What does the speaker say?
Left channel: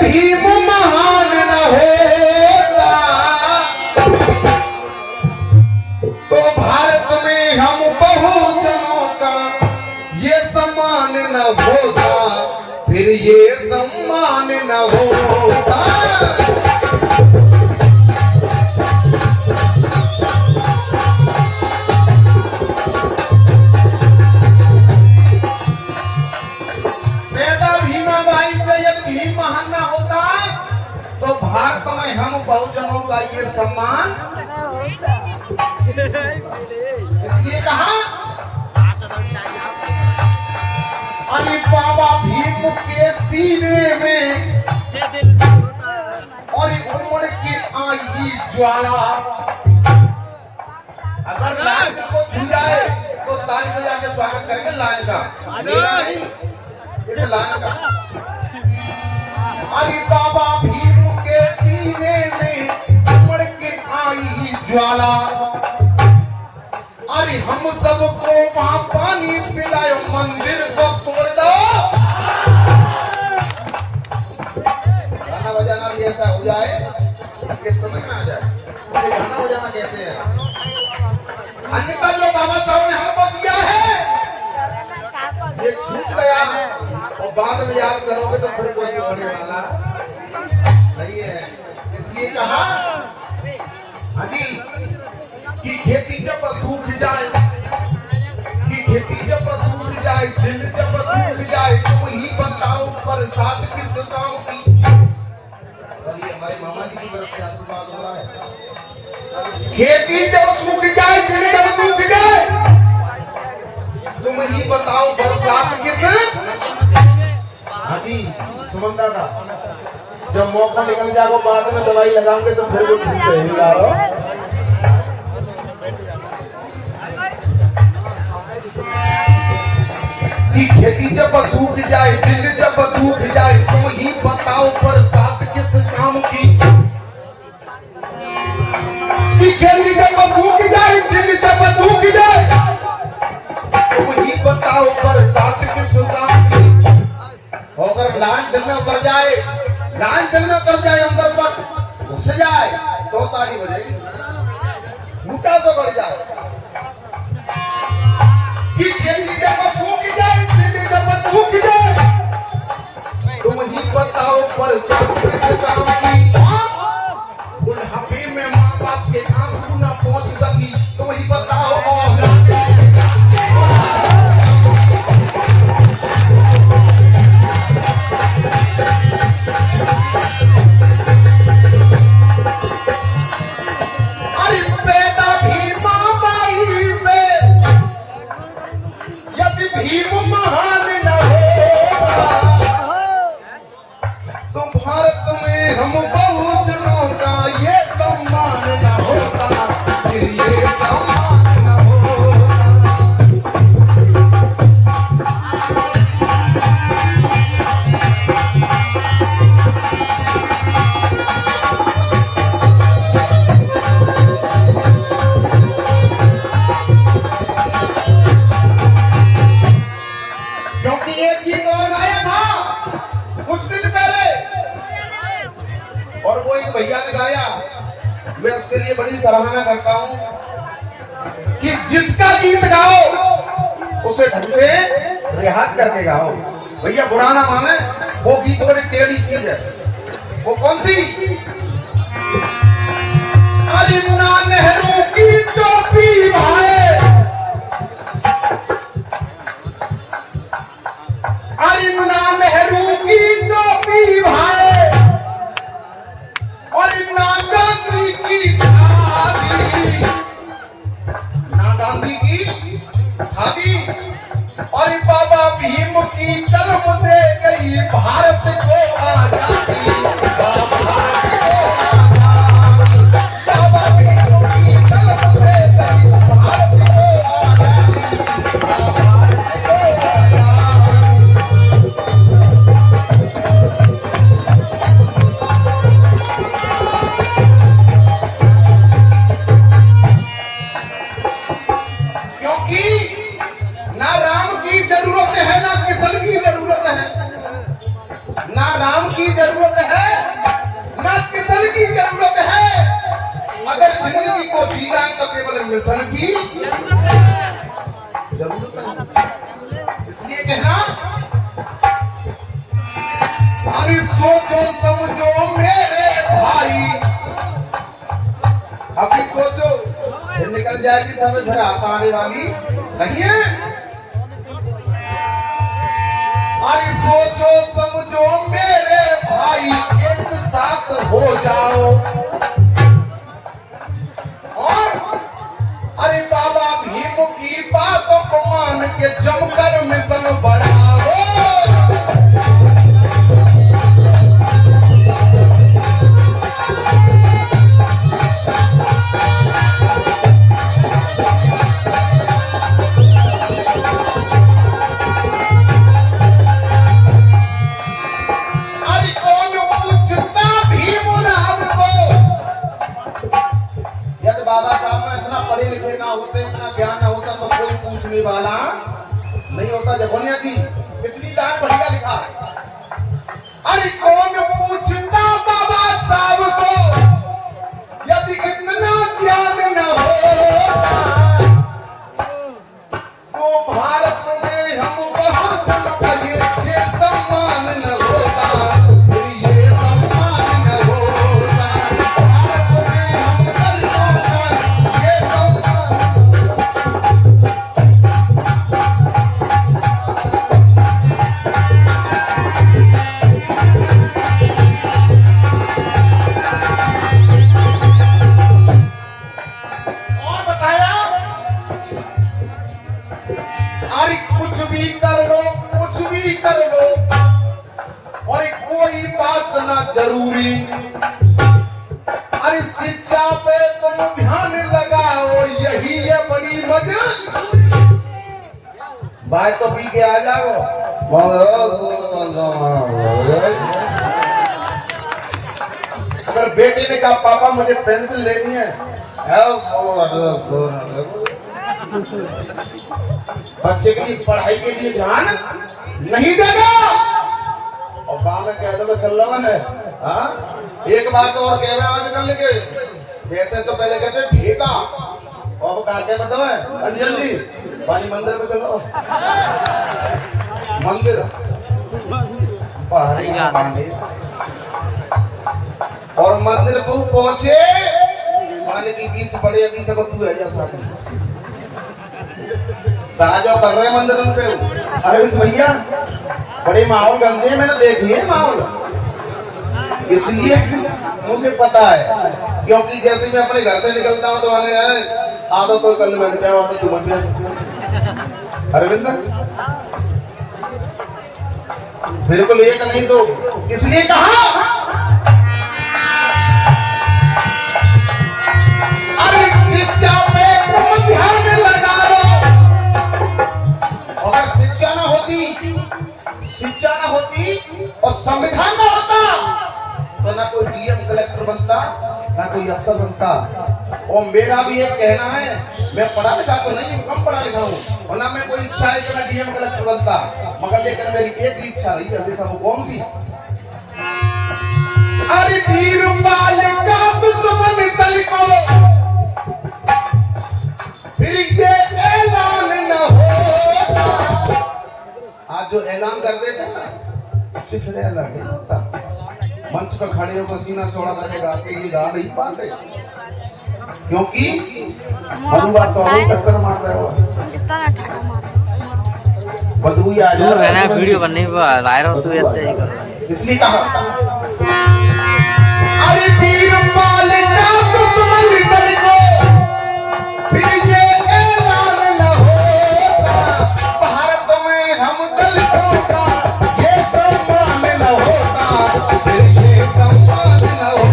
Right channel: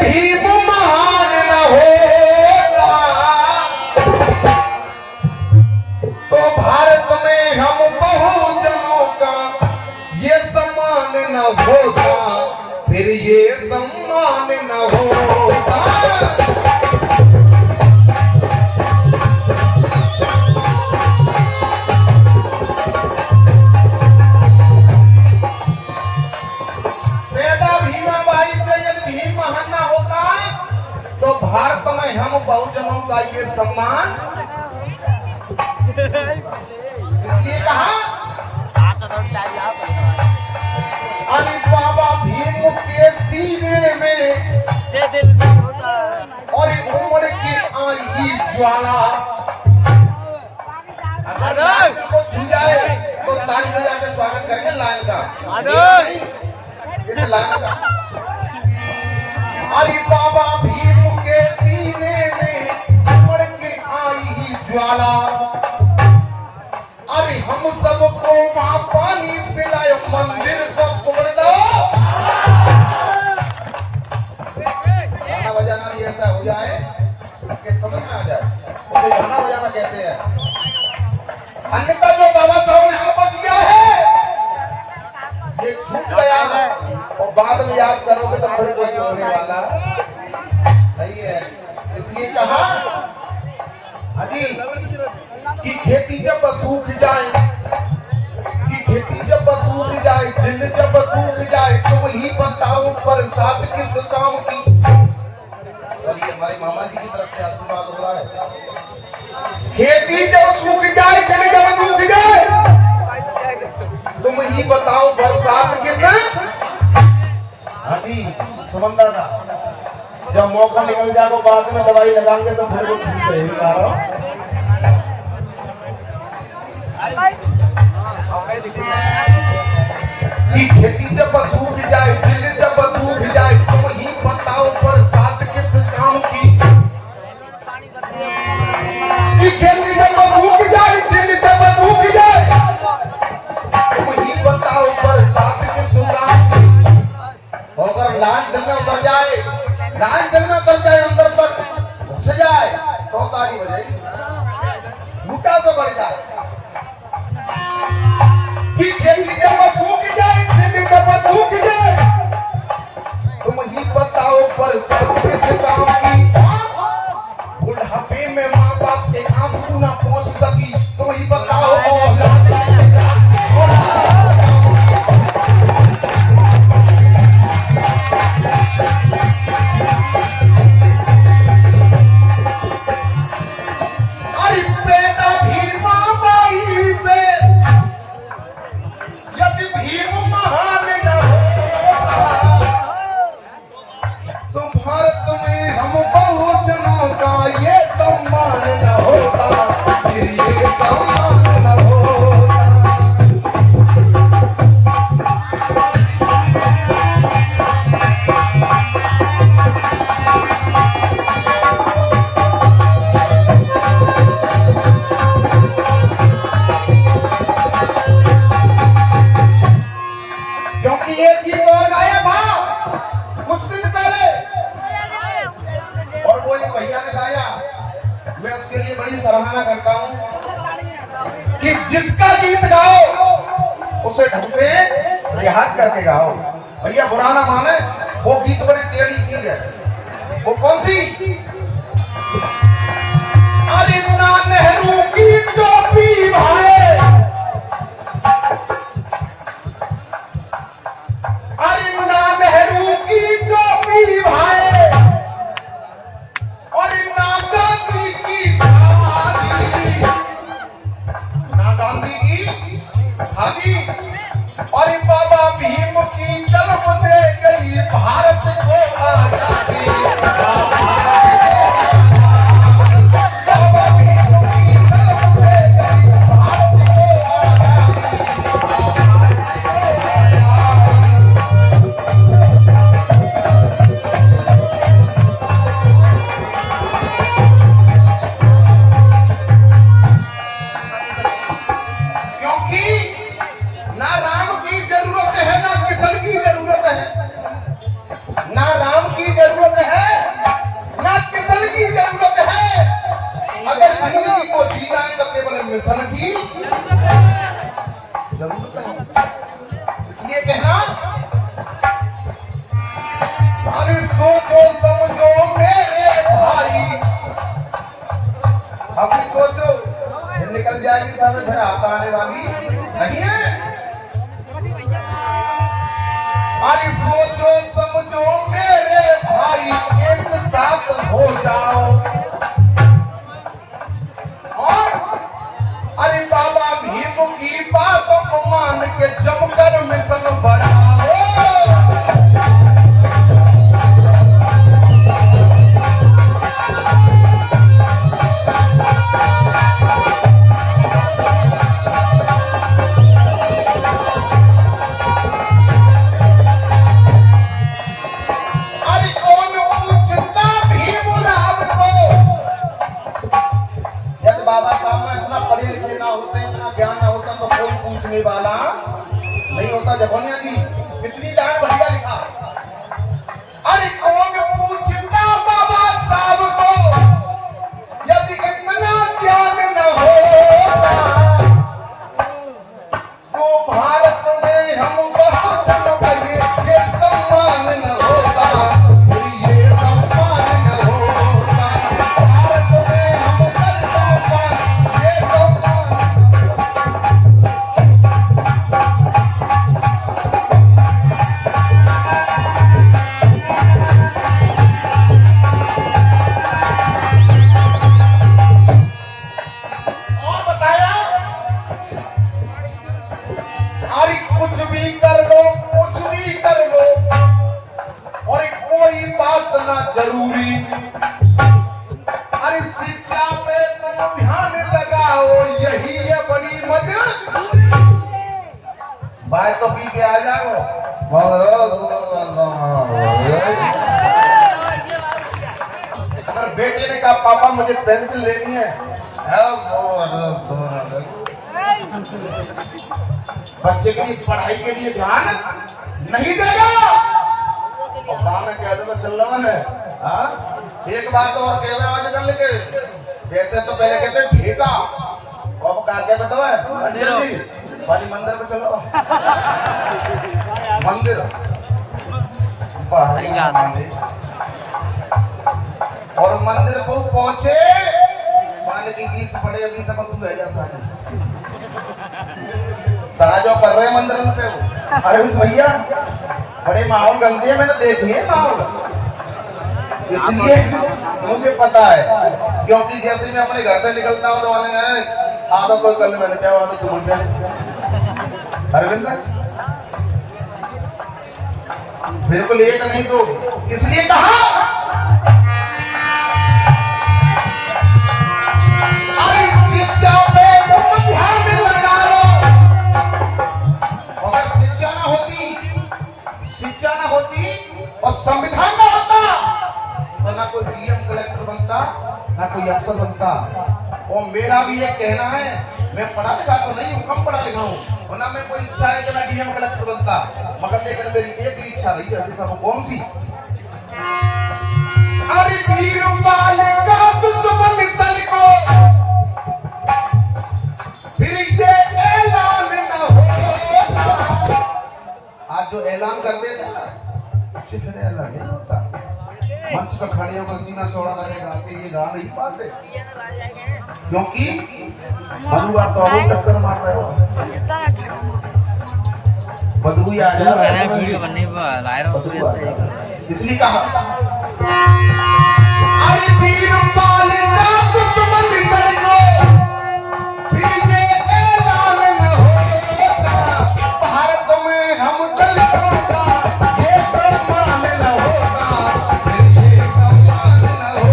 भीम महान न होता तो भारत में हम बहुजनों का ये सम्मान न होता, फिर ये सम्मान न होता। हम बहुजनों का ये सम्मान इसलिए कहा अरे बाबा भीम के सीने में और उम्र की आई ज्वाला अगर को छू जाए तो ताली बजा के स्वागत करके लाल का इस लाल का अरे बाबा भीम के सीने में उमड़ के आई ज्वाला, अरे हम सबको वहां पानी पिलाए मंदिर का फोड़ दो। गाना बजाना भी ऐसा हो जाए कि समझ में आ जाए उसे गाना बजाना कहते हैं। अन्यथा जो बाबा साहब ने हमको दिया है ये छूट गया और बाद में याद करोगे तो फिर कोई नहीं होने वाला नहीं है। इसलिए कहा अजी कि खेती जब सूख जाए, कि खेती जब सूख जाए, दिन जब डूब जाए, तुम ही बताओ बरसात किस काम की। और ये हमारे मामा जी की तरफ से आशीर्वाद हो रहा है। खेती जब सूख जाए, दिन जब डूब जाए, तुम ही बताओ बरसात किसने। हाँ जी समझता था जब मौका निकल जाएगा बाद में दवाई लगाएंगे तो फिर वो ठीक रहेगा। खेती जब सूख जाए, दिन जब डूब जाए, तुम ही बताओ बरसात किस काम की। खेती जब सूख जाए, दिन जब डूब जाए, तुम ही बताओ बरसात किस काम की। अगर लाइन जलना कर जाए, लाइन जलना कर जाए, अंदर तक घुस जाए तो तारी बजेगी, भूटा तो बढ़ जाए। कि खेती जब सूख जाए, दिन जब डूब जाए, तुम ही बताओ बरसात किस काम की। बुढ़ापे में माँ बाप के आंसू न पहुंच सकी, तुम ही बताओ मैं उसके लिए बड़ी सराहना करता हूँ कि जिसका गीत गाओ उसे ढंग से रियाज करके गाओ। भैया बुरा ना माने, वो गीत बड़ी टेढ़ी चीज है। वो कौन सी? अरे ना नेहरू की टोपी भाई, अरे ना नेहरू की टोपी भाई, और बाबा भीम की जन्म दे गई भारत को आजादी। बाबा भीम की जन्म दे गई भारत को जरूरत है, मिशन की जरूरत है। इसलिए कहना, अरे सोचो समझो मेरे भाई, अभी सोचो फिर निकल जाएगी समय, फिर आता आने वाली नहीं है। अरे सोचो समझो मेरे भाई, एक साथ हो जाओ और अरे बाबा भीम की बात मान के जमकर मिशन बढ़ाओ। बाबा साहब में इतना पढ़े लिखे ना होते, इतना ज्ञान ना होता तो कोई पूछने वाला नहीं होता। जगोनिया जी कितनी डाल बढ़िया लिखा है। अरे कौन पूछता बाबा साहब को, यदि इतना ज्ञान न होता तो भारत में हम बहुत बड़े ये सम्मान न होता, ये सम्मान न होता। भारत में हम कुछ भी कर लो और कोई बात ना जरूरी। अरे शिक्षा पे तुम ध्यान लगाओ, यही है बड़ी मदद। भाई तो पी के आ जाओ, अगर बेटे ने कहा पापा मुझे पेंसिल लेनी है, बच्चे की पढ़ाई के लिए ध्यान नहीं देगा और गाँव में कह दो चल रहा है। हाँ एक बात और कह आजकल के, जैसे तो पहले कहते ठेका, और वो क्या कहते हैं अंजन जी भाई मंदिर में चलो, मंदिर और मंदिर को पहुंचे माने की 20 पड़े 20 को तू है जैसा सारा जो कर रहे हैं मंदिर में पे। अरविंद भैया बड़े माहौल बनते हैं, मैंने देखे हैं माहौल, इसलिए मुझे पता है। क्योंकि जैसे मैं अपने घर से निकलता हूँ तो मैंने आदत तो कल मैंने क्या बोला तुम अरविंद बिल्कुल एक नहीं तो, इसलिए कहा अरे शिक्षा पे ध्यान लगा लो। अगर शिक्षा ना होती और संविधान ना होता तो ना कोई डीएम कलेक्टर बनता ना कोई अफसर बनता। और मेरा भी एक कहना है, मैं पढ़ा लिखा तो नहीं हूँ, कम पढ़ा लिखा हूँ, और ना मैं कोई इच्छा है कि मैं डीएम कलेक्टर बनता, मगर लेकिन मेरी एक ही इच्छा रही है हमेशा, वो कौन सी? अरे वीर मालिका दुश्मन दल को फिर ये ऐलान न होता। आज जो ऐलान कर देते ना सिर्फ ऐलान नहीं होता, मंच पर खड़े होकर सीना चौड़ा करके गा के ये गा नहीं पाते, क्योंकि बदबू तो और टक्कर मार रहे हो, बदबू आ जा रहा है वीडियो बनने पर ला रहा हूं तू ऐसे ही कर, इसलिए कहा अरे वीर मालिका दुश्मन दल को फिर ये ऐलान न होता, भारत में हम दल को ये सम्मान न होता, ये सम्मान न होता।